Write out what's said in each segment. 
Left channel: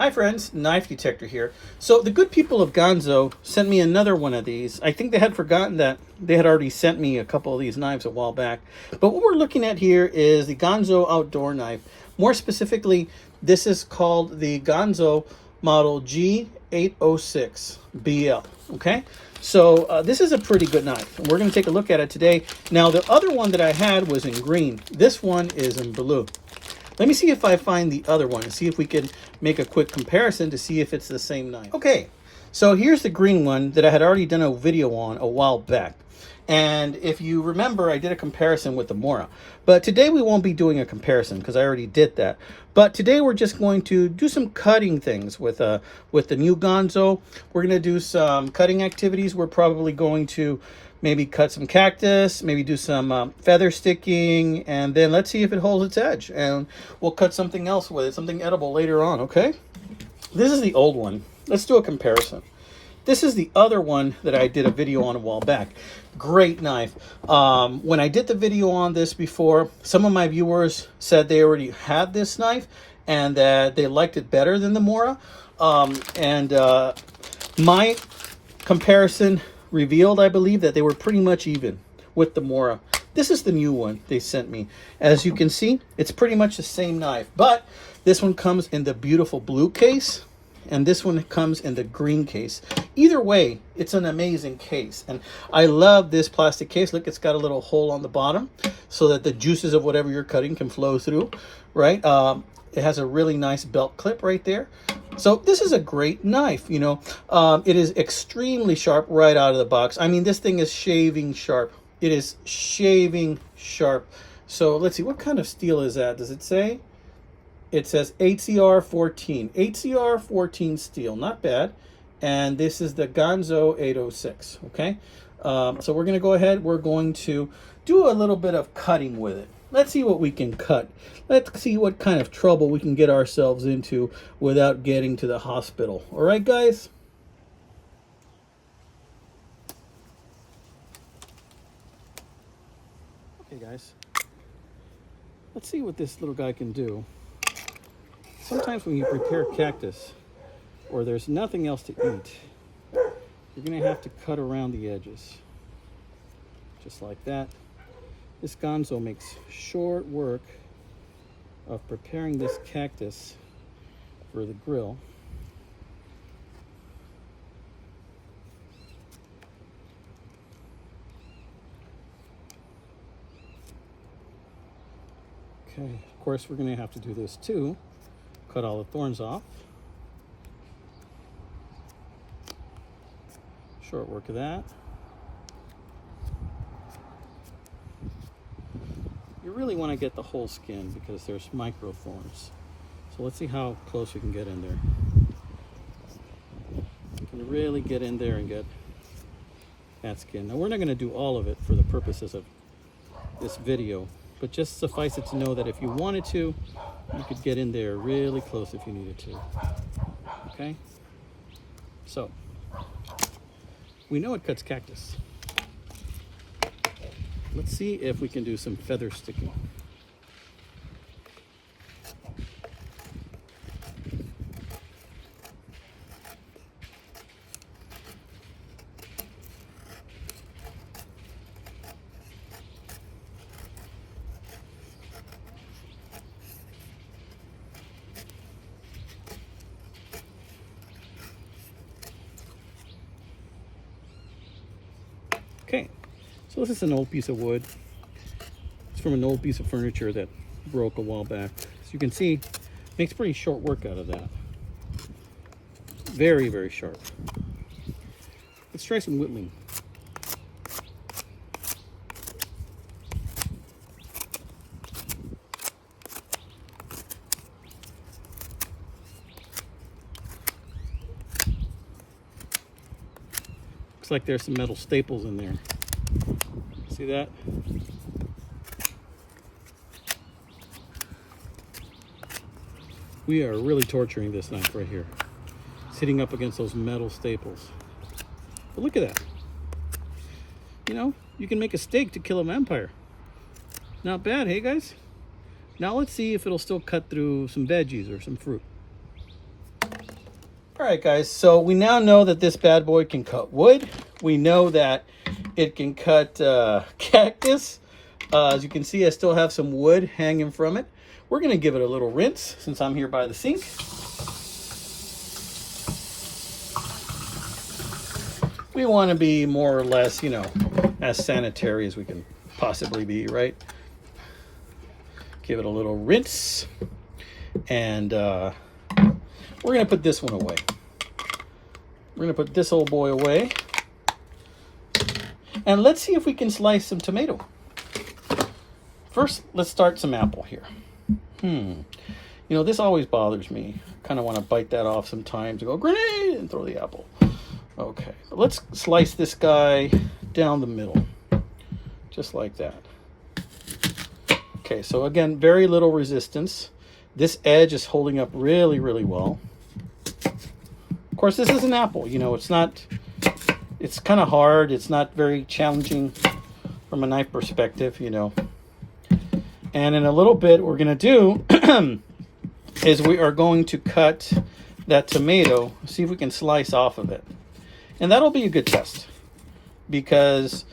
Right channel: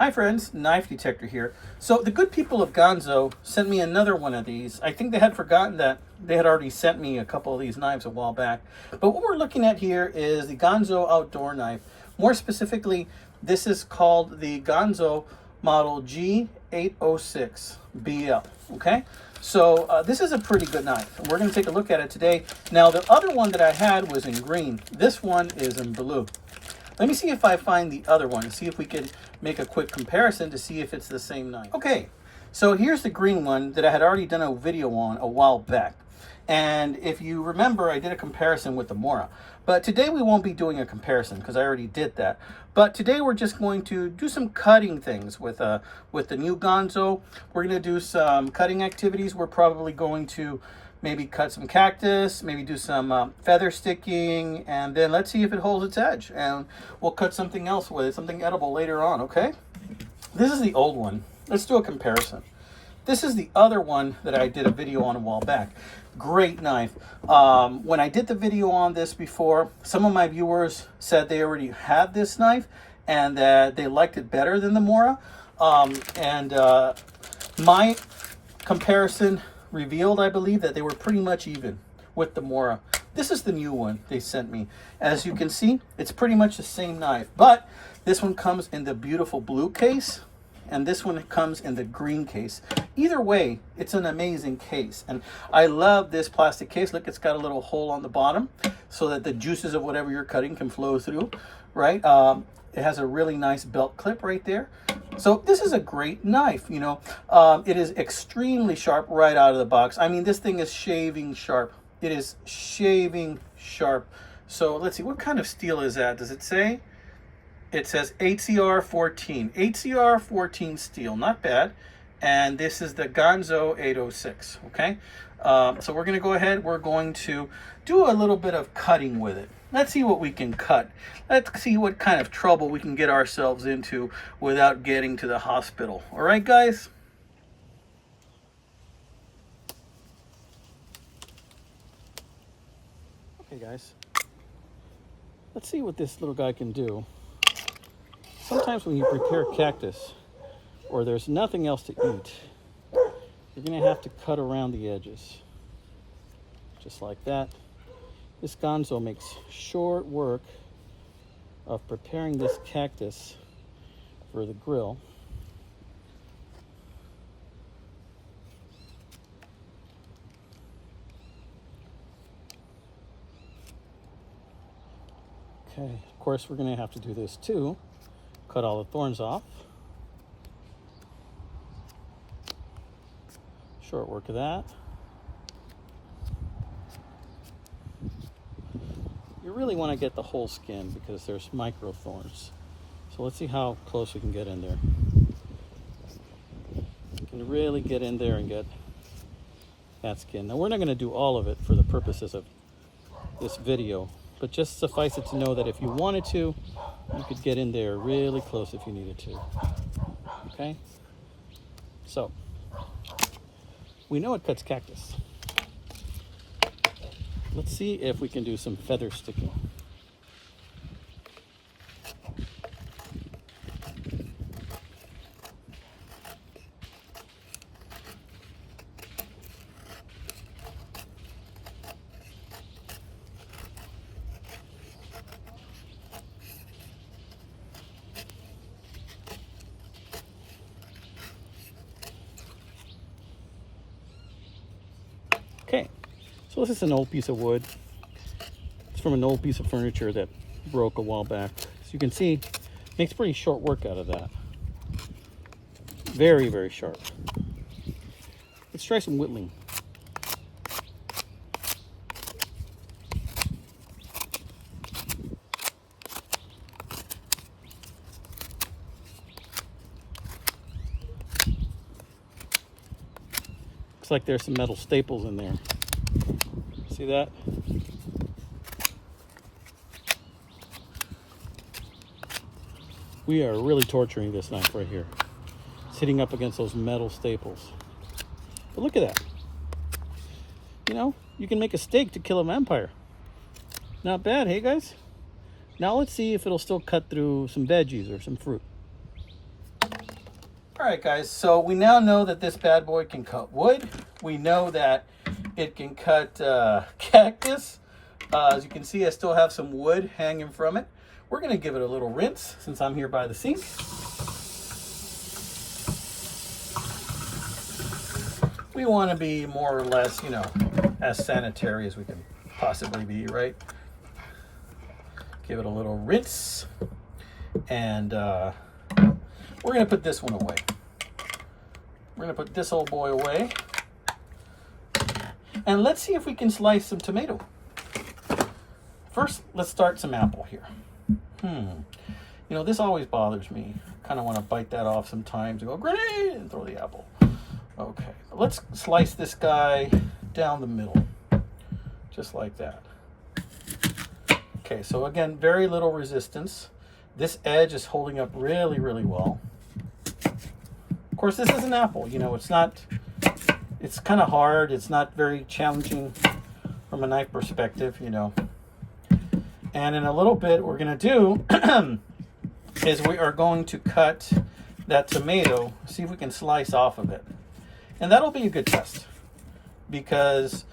Hi friends, Knife Detector here. So the good people of Ganzo sent me another one of these. I think they had forgotten that they had already sent me a couple of these knives a while back. But what we're looking at here is the Ganzo outdoor knife. More specifically, this is called the Ganzo model G806 BL. Okay, so this is a pretty good knife. And we're going to take a look at it today. Now the other one that I had was in green. This one is in blue. Let me see if I find the other one and see if we could make a quick comparison to see if it's the same knife. Okay, so here's the green one that I had already done a video on a while back. And if you remember, I did a comparison with the Mora. But today we won't be doing a comparison because I already did that. But today we're just going to do some cutting things with the new Ganzo. We're going to do some cutting activities. We're probably going to maybe cut some cactus, maybe do some feather sticking, and then let's see if it holds its edge. And we'll cut something else with it, something edible later on, okay? This is the old one. Let's do a comparison. This is the other one that I did a video on a while back. Great knife. When I did the video on this before, some of my viewers said they already had this knife and that they liked it better than the Mora. My comparison revealed, I believe, that they were pretty much even with the Mora. This is the new one they sent me. As you can see, it's pretty much the same knife, but this one comes in the beautiful blue case and this one comes in the green case. Either way, it's an amazing case, and I love this plastic case. Look, it's got a little hole on the bottom so that the juices of whatever you're cutting can flow through, right? It has a really nice belt clip right there. So this is a great knife, you know. It is extremely sharp right out of the box. I mean, this thing is shaving sharp. It is shaving sharp. So let's see, what kind of steel is that? Does it say? It says HCR 14. HCR 14 steel, not bad. And this is the Ganzo 806, okay? So we're gonna go ahead, we're going to do a little bit of cutting with it. Let's see what we can cut. Let's see what kind of trouble we can get ourselves into without getting to the hospital. All right, guys? Okay, guys. Let's see what this little guy can do. Sometimes when you prepare cactus, or there's nothing else to eat, you're gonna have to cut around the edges. Just like that. This Ganzo makes short work of preparing this cactus for the grill. Okay, of course we're gonna have to do this too. Cut all the thorns off. Short work of that. You really want to get the whole skin because there's micro thorns. So let's see how close we can get in there. You can really get in there and get that skin. Now we're not going to do all of it for the purposes of this video, but just suffice it to know that if you wanted to, you could get in there really close if you needed to. Okay? So, we know it cuts cactus. Let's see if we can do some feather sticking. Okay, so this is an old piece of wood. It's from an old piece of furniture that broke a while back. As you can see, makes pretty short work out of that. Very, very sharp. Let's try some whittling. Looks like there's some metal staples in there. See that? We are really torturing this knife right here. It's hitting up against those metal staples. But look at that. You know, you can make a steak to kill a vampire. Not bad, hey guys? Now let's see if it'll still cut through some veggies or some fruit. right, guys, so we now know that this bad boy can cut wood. We know that it can cut cactus. As you can see, I still have some wood hanging from it. We're going to give it a little rinse since I'm here by the sink. We want to be more or less, you know, as sanitary as we can possibly be, right? Give it a little rinse. And we're going to put this one away. We're going to put this old boy away. And let's see if we can slice some tomato. First, let's start some apple here. You know, this always bothers me. Kind of want to bite that off sometimes and go, grenade, and throw the apple. Okay, but let's slice this guy down the middle. Just like that. Okay, so again, very little resistance. This edge is holding up really, really well. Of course, this is an apple. You know, it's kind of hard. It's not very challenging from a knife perspective, you know. And in a little bit, what we're going to do is we are going to cut that tomato, see if we can slice off of it. And that'll be a good test, because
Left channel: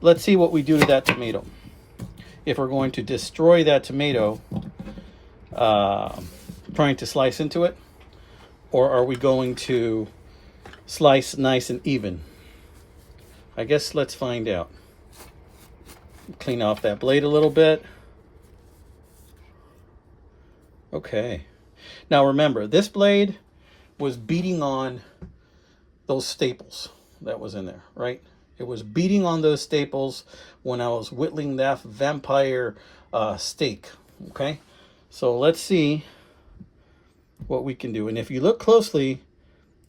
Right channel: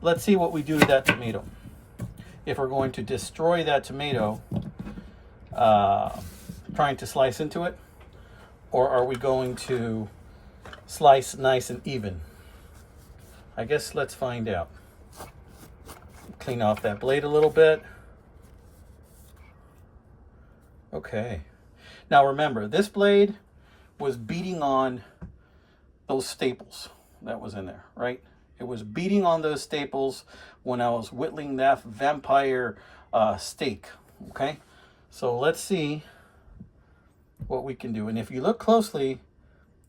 let's see what we do to that tomato. If we're going to destroy that tomato trying to slice into it, or are we going to slice nice and even? I guess let's find out. Clean off that blade a little bit. Okay. Now remember, this blade was beating on those staples that was in there, right? It was beating on those staples when I was whittling that vampire steak, okay? So let's see what we can do. And if you look closely,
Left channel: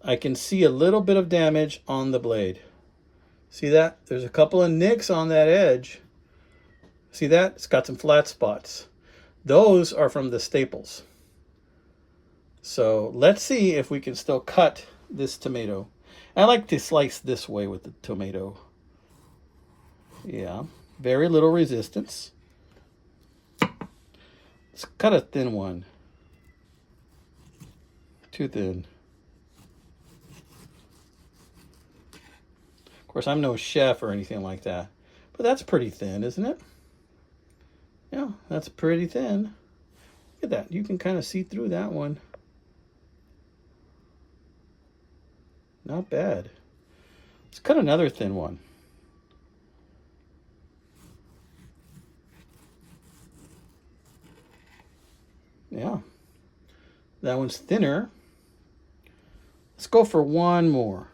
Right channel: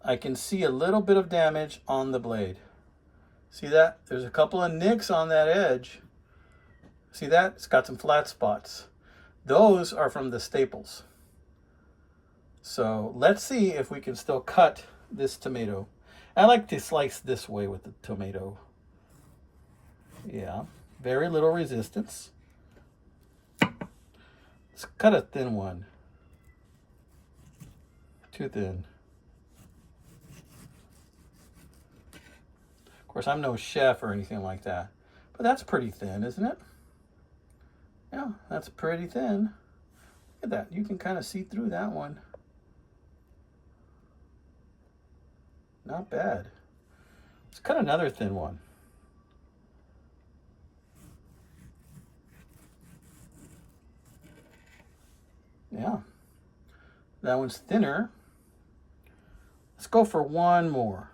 I can see a little bit of damage on the blade. See that? There's a couple of nicks on that edge. See that? It's got some flat spots. Those are from the staples. So let's see if we can still cut this tomato. I like to slice this way with the tomato. Yeah, very little resistance. Let's cut a thin one. Too thin. Of course, I'm no chef or anything like that, but that's pretty thin, isn't it? Yeah, that's pretty thin. Look at that. You can kind of see through that one. Not bad. Let's cut another thin one. Yeah, that one's thinner. Let's go for one more.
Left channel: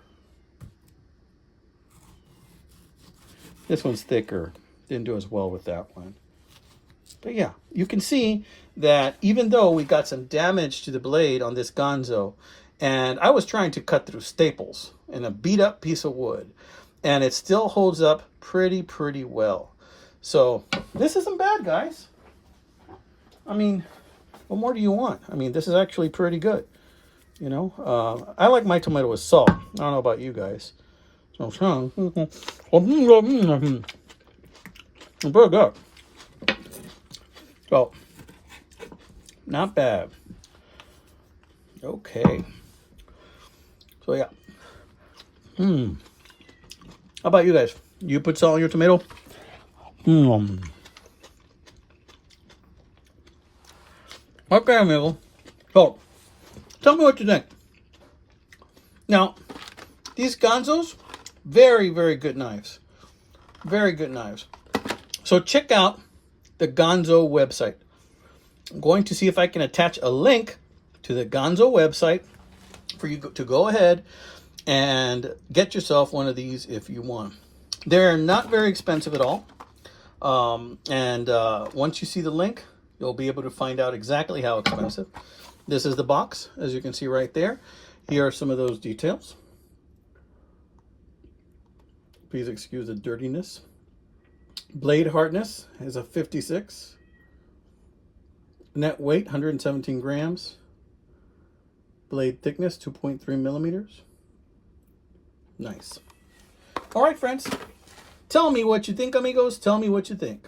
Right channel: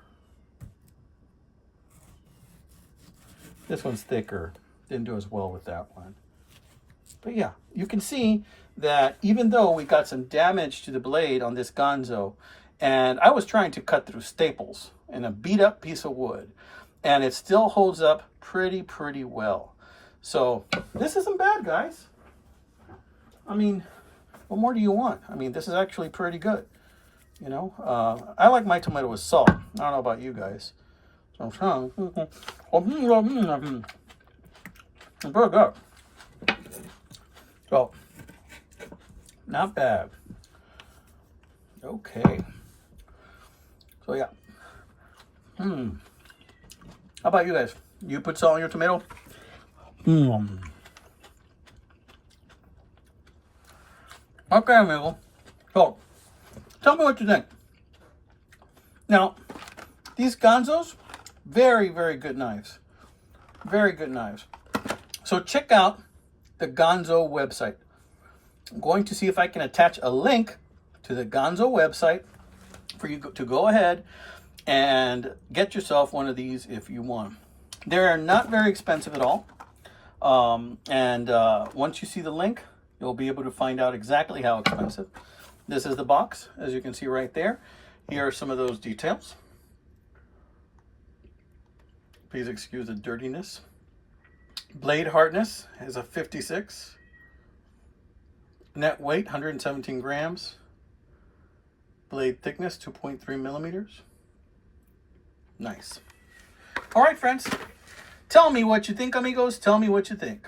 This one's thicker. Didn't do as well with that one. But yeah, you can see that even though we got some damage to the blade on this Ganzo, and I was trying to cut through staples in a beat up piece of wood, and it still holds up pretty well. So this isn't bad, guys. I mean, what more do you want? I mean, this is actually pretty good. You know, I like my tomato with salt. I don't know about you guys. So, pretty good. So, not bad. Okay. So yeah. How about you guys? You put salt on your tomato? Okay, amigo. So, tell me what you think. Now, these Ganzos, very good knives. Very good knives. So check out the Ganzo website. I'm going to see if I can attach a link to the Ganzo website for you to go ahead and get yourself one of these if you want. They're not very expensive at all. Once you see the link, you'll be able to find out exactly how expensive. This is the box, as you can see right there. Here are some of those details. Please excuse the dirtiness. Blade hardness is a 56. Net weight, 117 grams. Blade thickness, 2.3 millimeters. Nice. All right, friends. Tell me what you think, amigos. Tell me what you think.